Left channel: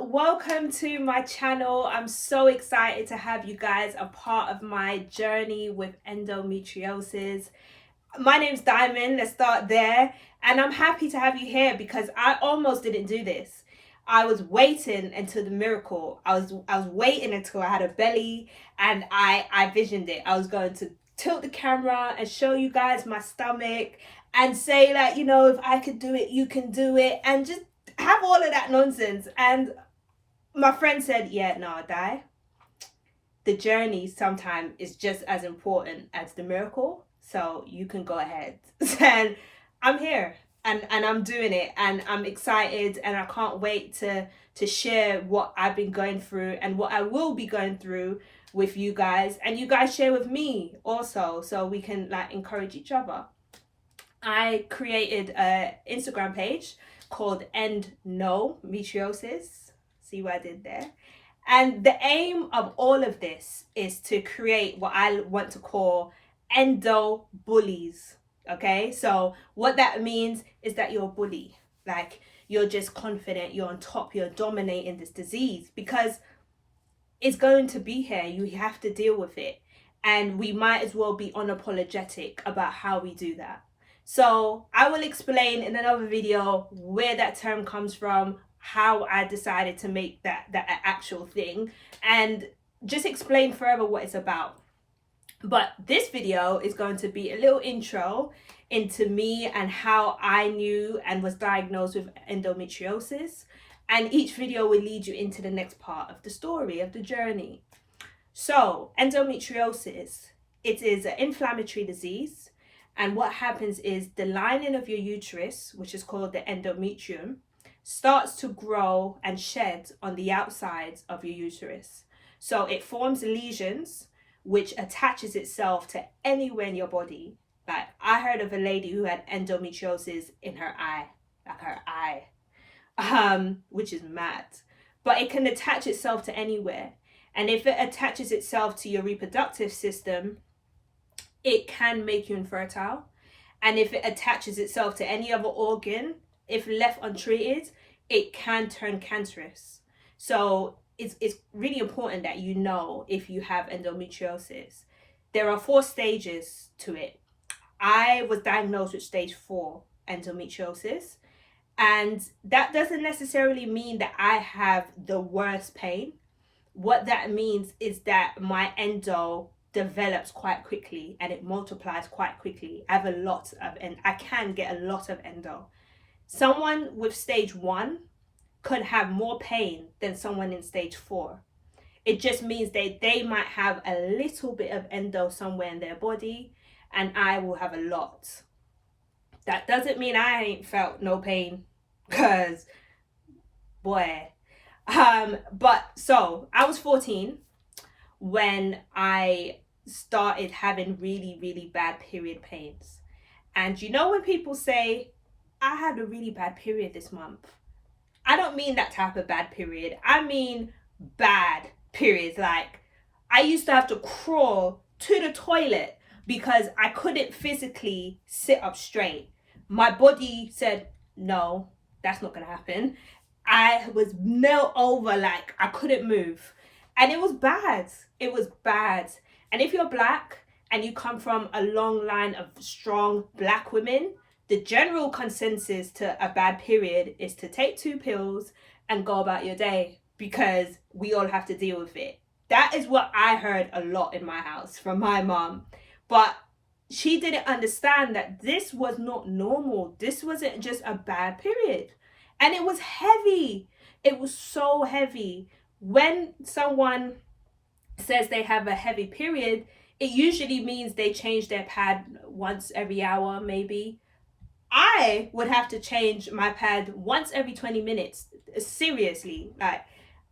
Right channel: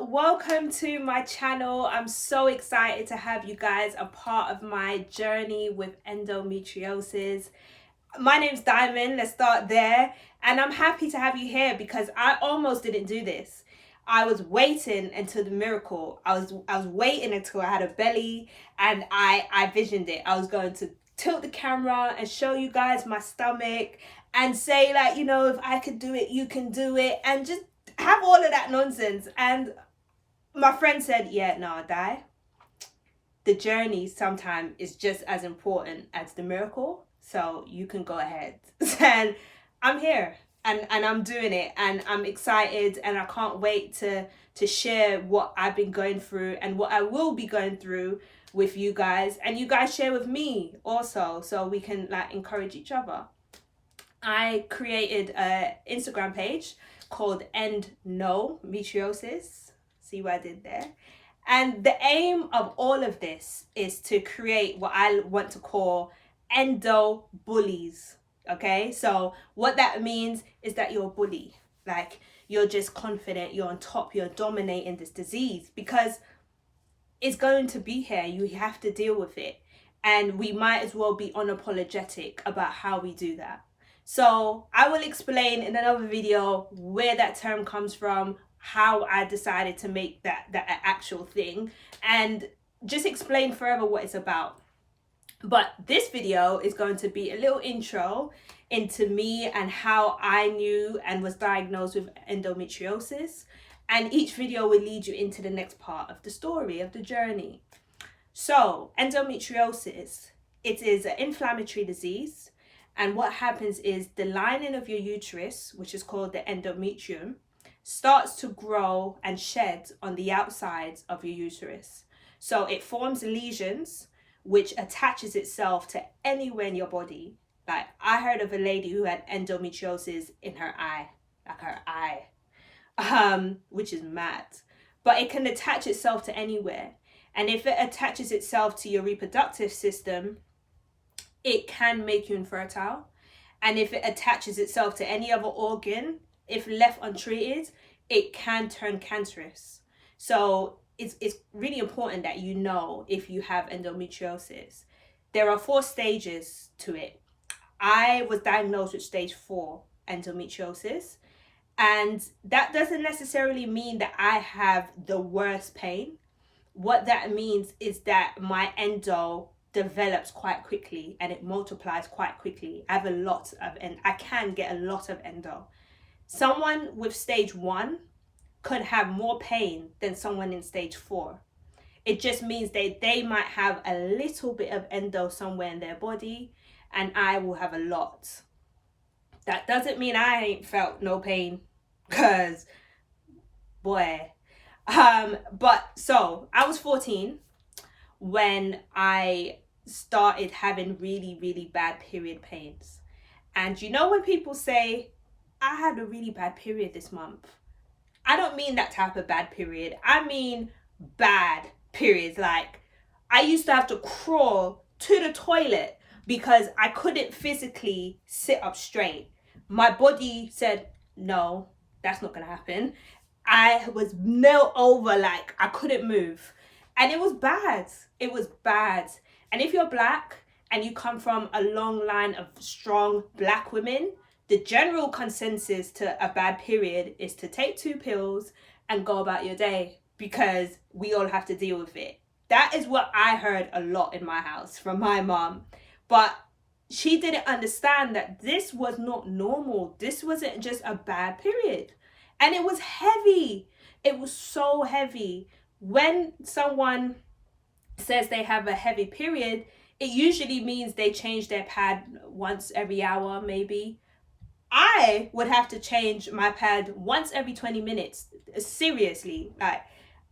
welcome to my channel. I'm so excited to have you guys a part of my journey with endometriosis. My name's Diamond, let's start there, and I'm happy to have you here because I almost didn't do this. I was waiting until the miracle. I was waiting until I had a belly and I visioned it. I was going to tilt the camera and show you guys my stomach and say, like, you know, if I could do it, you can do it, and just have all of that nonsense. And my friend said, yeah, no, Di, the journey sometimes is just as important as the miracle, so you can go ahead. And I'm here, and I'm doing it, and I'm excited, and I can't wait to share what I've been going through and what I will be going through with you guys, and you guys share with me also, so we can like encourage each other. I created an Instagram page called Endometriosis. See what I did there? And the aim of all of this is to create what I want to call endo bullies. Okay, so what that means is that you're a bully. Like, you're just confident, you're on top, you're dominating this disease because it's going to be here. You have to deal with it. And we might as well be unapologetic about how we do that. So I will explain in another video where that term comes from, how I decided to make that actual thing, and just explain further what it's about. But this video is going to be a little intro into me and how I knew and was diagnosed with endometriosis. And each video will lead you into the next part of the story, of the journey. So endometriosis, it is an inflammatory disease. And what happens is the lining of your uterus, which is called the endometrium, starts to grow and shed on the outsides of your uterus. So it forms lesions, which attaches itself to anywhere in your body. Like, I heard of a lady who had endometriosis in her eye, which is mad. But it can attach itself to anywhere. And if it attaches itself to your reproductive system, it can make you infertile. And if it attaches itself to any other organ, if left untreated, it can turn cancerous. So it's really important that you know if you have endometriosis. There are 4 stages to it. I was diagnosed with stage 4 endometriosis. And that doesn't necessarily mean that I have the worst pain. What that means is that my endo develops quite quickly and it multiplies quite quickly. I have a lot of, and I can get a lot of endo. Someone with stage 1 could have more pain than someone in stage 4. It just means they might have a little bit of endo somewhere in their body, and I will have a lot. That doesn't mean I ain't felt no pain, because boy. But so I was 14 when I started having really, really bad period pains. And you know when people say, I had a really bad period this month, I don't mean that type of bad period. I mean bad periods. Like, I used to have to crawl to the toilet because I couldn't physically sit up straight. My body said, no, that's not gonna happen. I was nailed over, like I couldn't move. And it was bad. It was bad. And if you're black and you come from a long line of strong black women, the general consensus to a bad period is to take 2 pills and go about your day, because we all have to deal with it. That is what I heard a lot in my house from my mom. But she didn't understand that this was not normal. This wasn't just a bad period. And it was heavy. It was so heavy. When someone says they have a heavy period, it usually means they change their pad once every hour, maybe. I would have to change my pad once every 20 minutes. Seriously, like,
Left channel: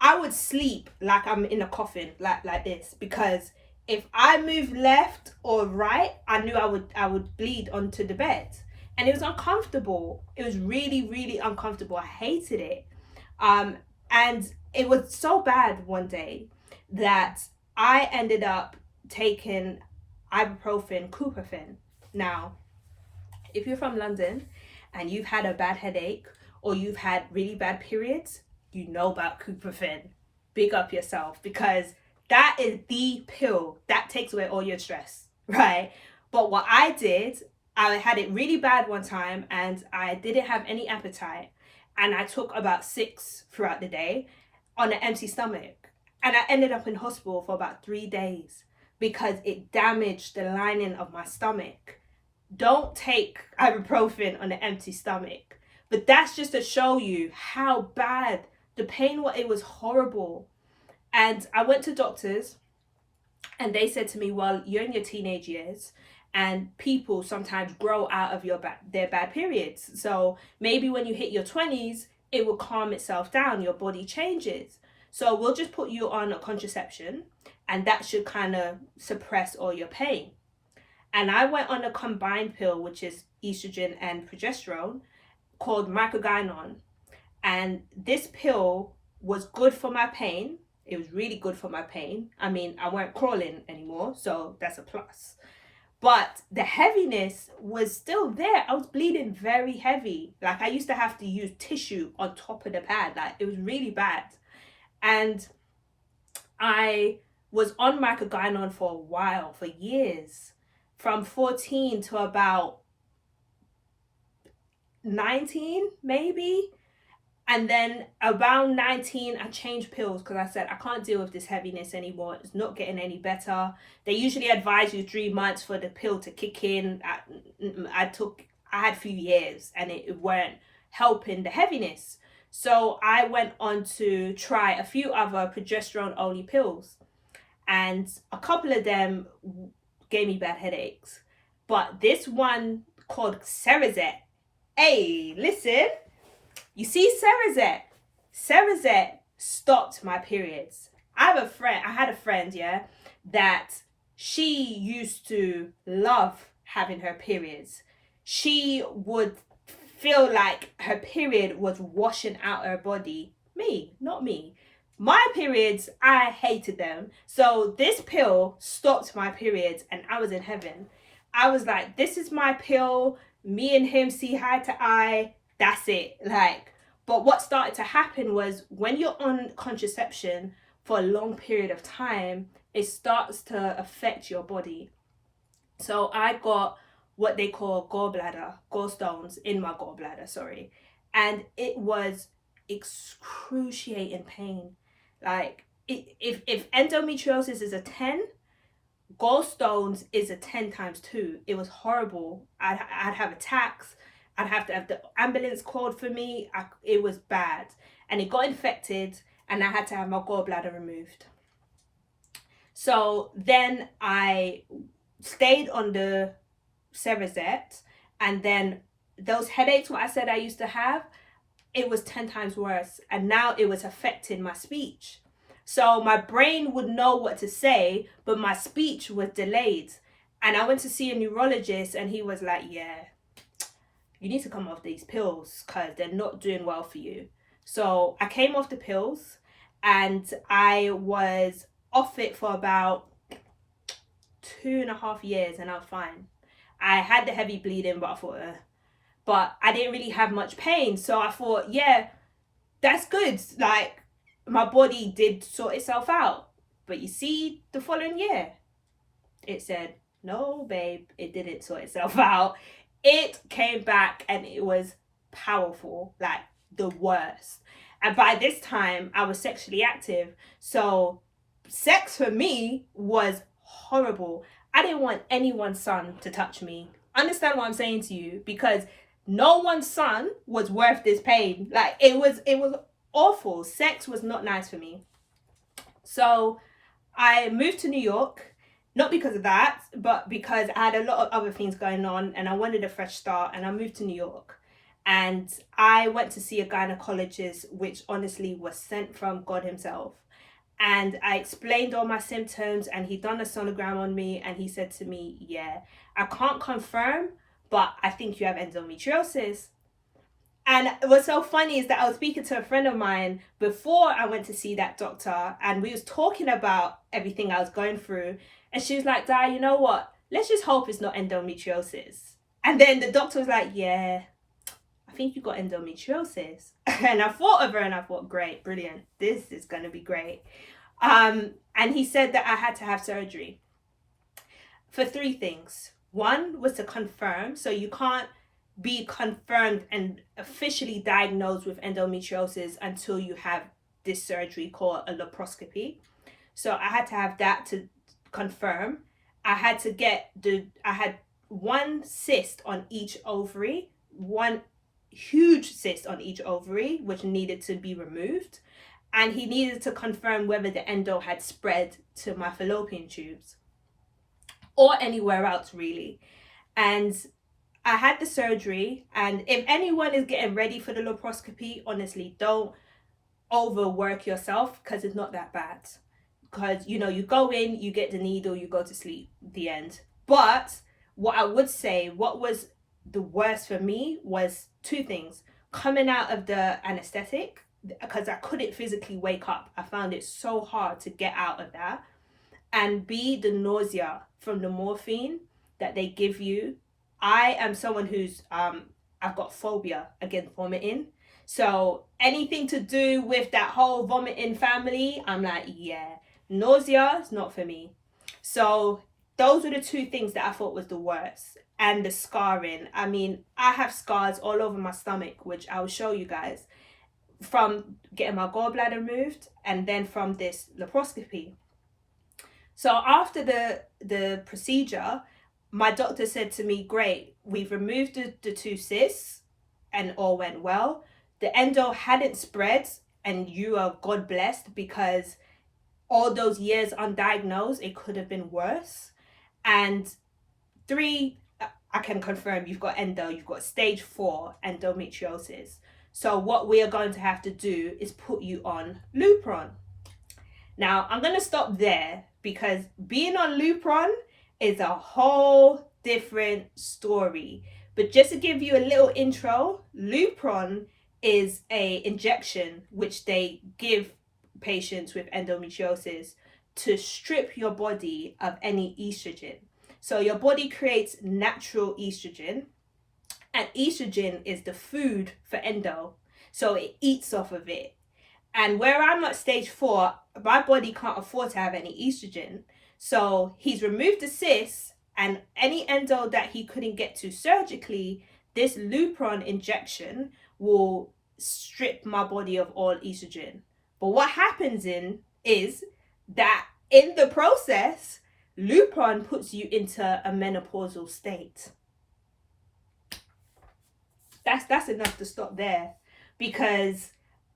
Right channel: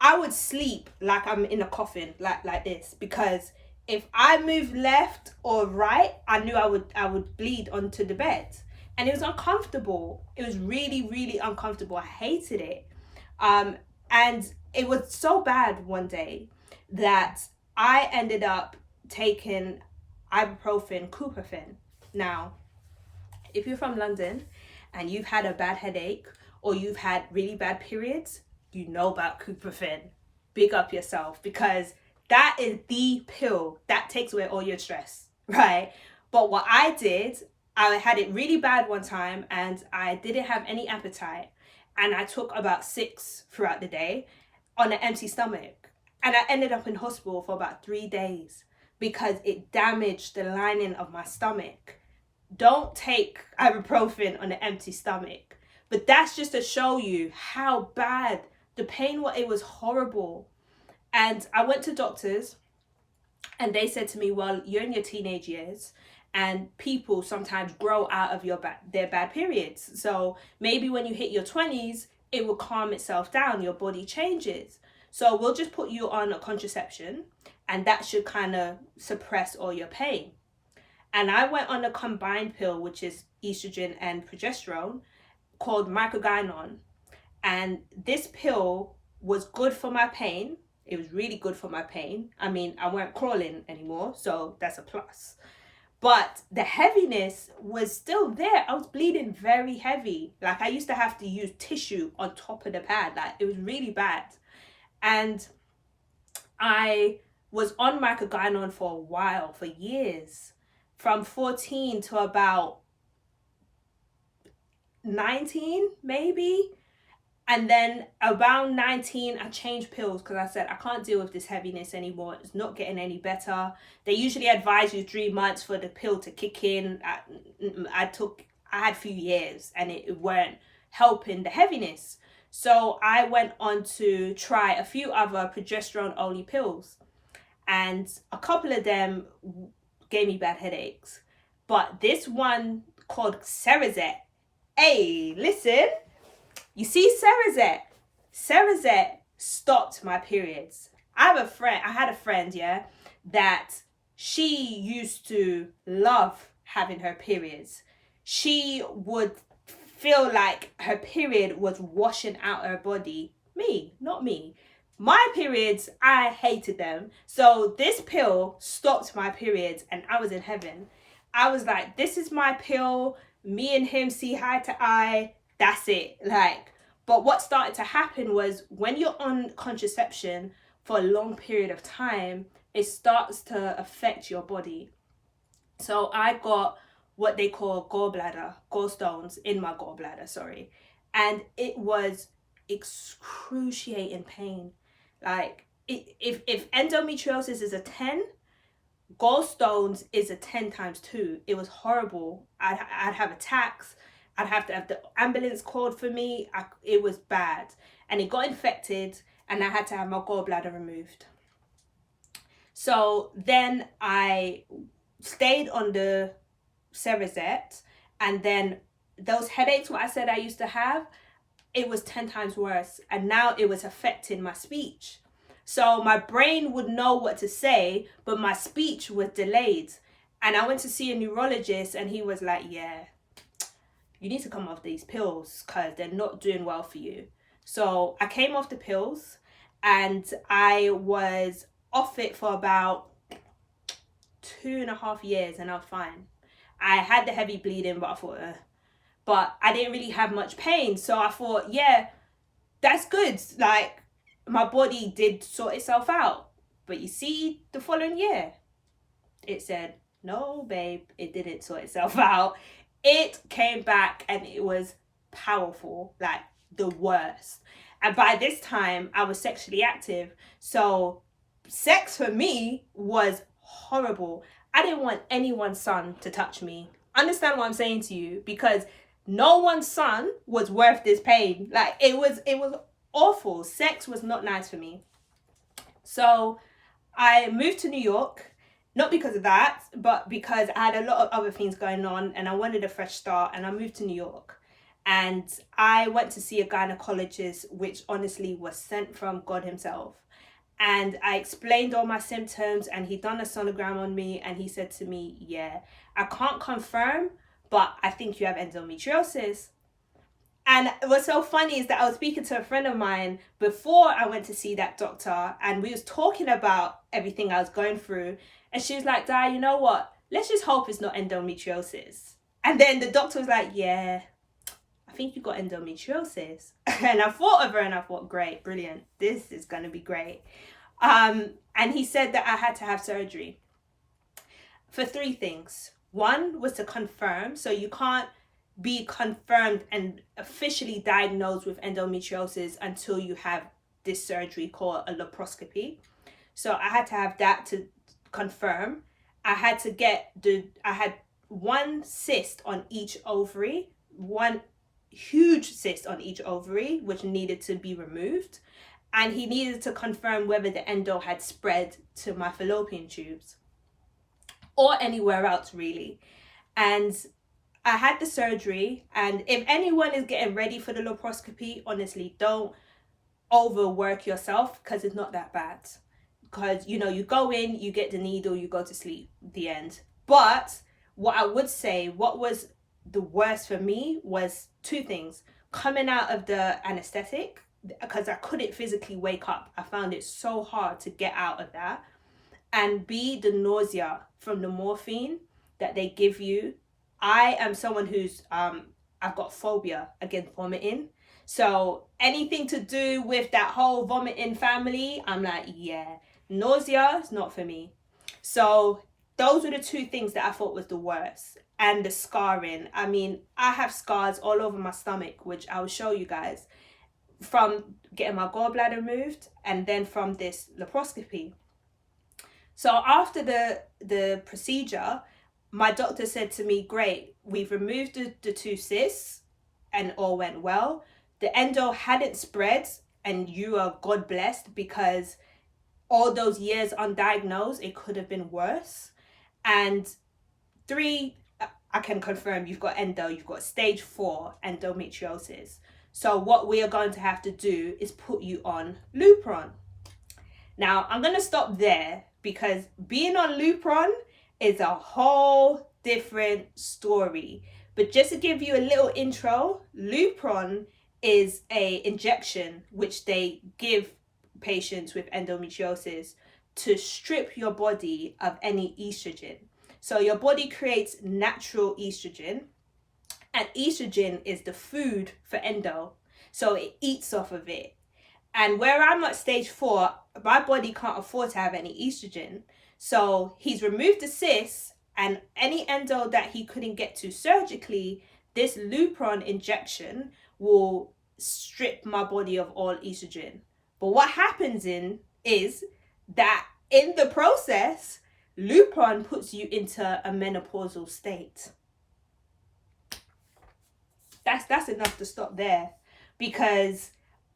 I would sleep like I'm in a coffin, like this, because if I moved left or right, I knew I would bleed onto the bed. And it was uncomfortable. It was really, really uncomfortable. I hated it. And it was so bad one day that I ended up taking ibuprofen, Coupofen. Now, if you're from London and you've had a bad headache or you've had really bad periods, you know about Couperfin. Big up yourself, because that is the pill that takes away all your stress, right? But what I did, I had it really bad one time and I didn't have any appetite. And I took about 6 throughout the day on an empty stomach. And I ended up in hospital for about 3 days because it damaged the lining of my stomach. Don't take ibuprofen on an empty stomach. But that's just to show you how bad the pain was. It was horrible. And I went to doctors and they said to me, well, you're in your teenage years and people sometimes grow out of their bad periods. So maybe when you hit your 20s, it will calm itself down. Your body changes. So we'll just put you on a contraception and that should kind of suppress all your pain. And I went on a combined pill, which is estrogen and progesterone, called microgynon. And this pill was good for my pain. It was really good for my pain. I mean, I weren't crawling anymore, so that's a plus. But the heaviness was still there. I was bleeding very heavy. Like, I used to have to use tissue on top of the pad. Like, it was really bad. And I was on microgynon for a while, for years. From 14 to about 19, maybe. And then around 19, I changed pills because I said, I can't deal with this heaviness anymore. It's not getting any better. They usually advise you 3 months for the pill to kick in. I had a few years and it weren't helping the heaviness. So I went on to try a few other progesterone only pills. And a couple of them gave me bad headaches. But this one called Cerazette. Hey, listen. You see, Cerazette stopped my periods. I had a friend, yeah, that she used to love having her periods. She would feel like her period was washing out her body. Me, not me. My periods, I hated them. So this pill stopped my periods and I was in heaven. I was like, this is my pill. Me and him see eye to eye. That's it. Like, but what started to happen was when you're on contraception for a long period of time, it starts to affect your body. So I got what they call gallstones in my gallbladder, sorry. And it was excruciating pain. Like, if endometriosis is a 10, gallstones is a 10 times 2. It was horrible. I'd have attacks. I'd have to have the ambulance called for me. It was bad. And it got infected and I had to have my gallbladder removed. So then I stayed on the Cerazette, and then those headaches, what I said I used to have, it was 10 times worse. And now it was affecting my speech. So my brain would know what to say, but my speech was delayed. And I went to see a neurologist and he was like, yeah, you need to come off these pills because they're not doing well for you. So I came off the pills and I was off it for about 2.5 years and I was fine. I had the heavy bleeding, but I thought, but I didn't really have much pain. So I thought, yeah, that's good. Like, my body did sort itself out. But you see, the following year, it said, no, babe, it didn't sort itself out. It came back and it was powerful, like the worst. And by this time, I was sexually active. So sex for me was horrible. I didn't want anyone's son to touch me. Understand what I'm saying to you? Because no one's son was worth this pain. Like, it was awful. Sex was not nice for me. So I moved to New York. Not because of that, but because I had a lot of other things going on and I wanted a fresh start, and I moved to New York. And I went to see a gynecologist, which honestly was sent from God himself. And I explained all my symptoms and he done a sonogram on me and he said to me, yeah, I can't confirm, but I think you have endometriosis. And what's so funny is that I was speaking to a friend of mine before I went to see that doctor, and we was talking about everything I was going through. And she was like, Di, you know what? Let's just hope it's not endometriosis. And then the doctor was like, yeah, I I think you got endometriosis. And I thought of her and I thought, great, brilliant. This is going to be great. And he said that I had to have surgery for 3 things. One was to confirm. So you can't be confirmed and officially diagnosed with endometriosis until you have this surgery called a laparoscopy. So I had to have that to confirm. I had 1 cyst on each ovary, 1 huge cyst on each ovary, which needed to be removed. And he needed to confirm whether the endo had spread to my fallopian tubes or anywhere else, really. And I had the surgery. And if anyone is getting ready for the laparoscopy, honestly, don't overwork yourself, because it's not that bad. Because, you know, you go in, you get the needle, you go to sleep, the end. But what I would say, what was the worst for me was 2 things. Coming out of the anesthetic, because I couldn't physically wake up. I found it so hard to get out of that. And B, the nausea from the morphine that they give you. I am someone who's, I've got phobia against vomiting. So anything to do with that whole vomiting family, I'm like, yeah, nausea is not for me. So those were the 2 things that I thought was the worst. And the scarring. I mean, I have scars all over my stomach, which I will show you guys, from getting my gallbladder removed and then from this laparoscopy. So after the procedure, my doctor said to me, great, we've removed the 2 cysts and all went well. The endo hadn't spread and you are God blessed, because all those years undiagnosed, it could have been worse. And 3, I can confirm you've got endo, you've got stage 4 endometriosis. So what we are going to have to do is put you on Lupron. Now, I'm going to stop there, because being on Lupron is a whole different story. But just to give you a little intro, Lupron is a injection which they give patients with endometriosis to strip your body of any estrogen. So your body creates natural estrogen, and estrogen is the food for endo. So it eats off of it. And where I'm at stage 4, my body can't afford to have any estrogen. So he's removed the cysts, and any endo that he couldn't get to surgically, this Lupron injection will strip my body of all estrogen. But what happens is that in the process, Lupron puts you into a menopausal state. That's enough to stop there, because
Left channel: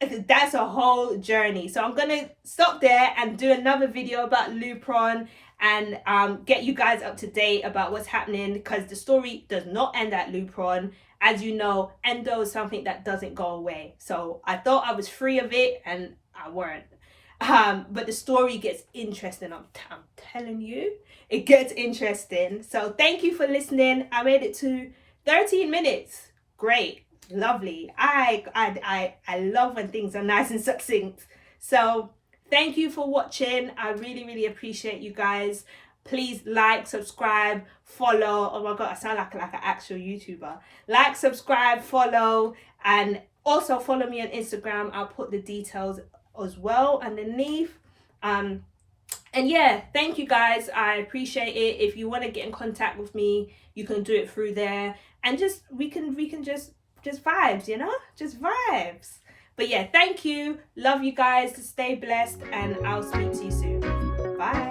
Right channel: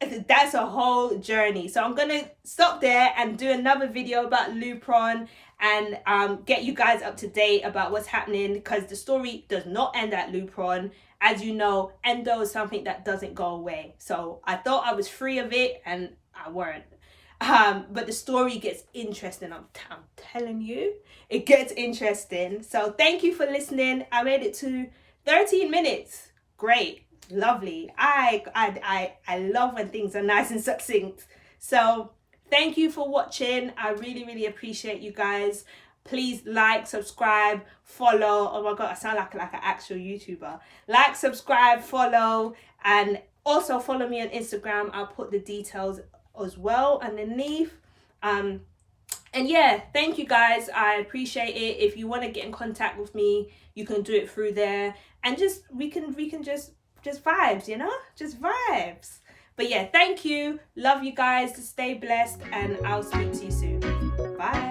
that's a whole journey. So I'm gonna stop there and do another video about Lupron and get you guys up to date about what's happening, because the story does not end at Lupron. As you know, endo is something that doesn't go away. So I thought I was free of it, and I weren't. But the story gets interesting. I'm telling you, it gets interesting. So thank you for listening. I made it to 13 minutes. Great, lovely. I love when things are nice and succinct. So thank you for watching. I really appreciate you guys. Please like, subscribe, follow. Oh my god, I sound like an actual YouTuber. Like, subscribe, follow, and also follow me on Instagram. I'll put the details as well underneath. And yeah, thank you guys. I appreciate it. If you want to get in contact with me, you can do it through there, and just we can just vibes, you know, just vibes. But yeah, thank you. Love you guys. Stay blessed, and I'll speak to you soon. Bye.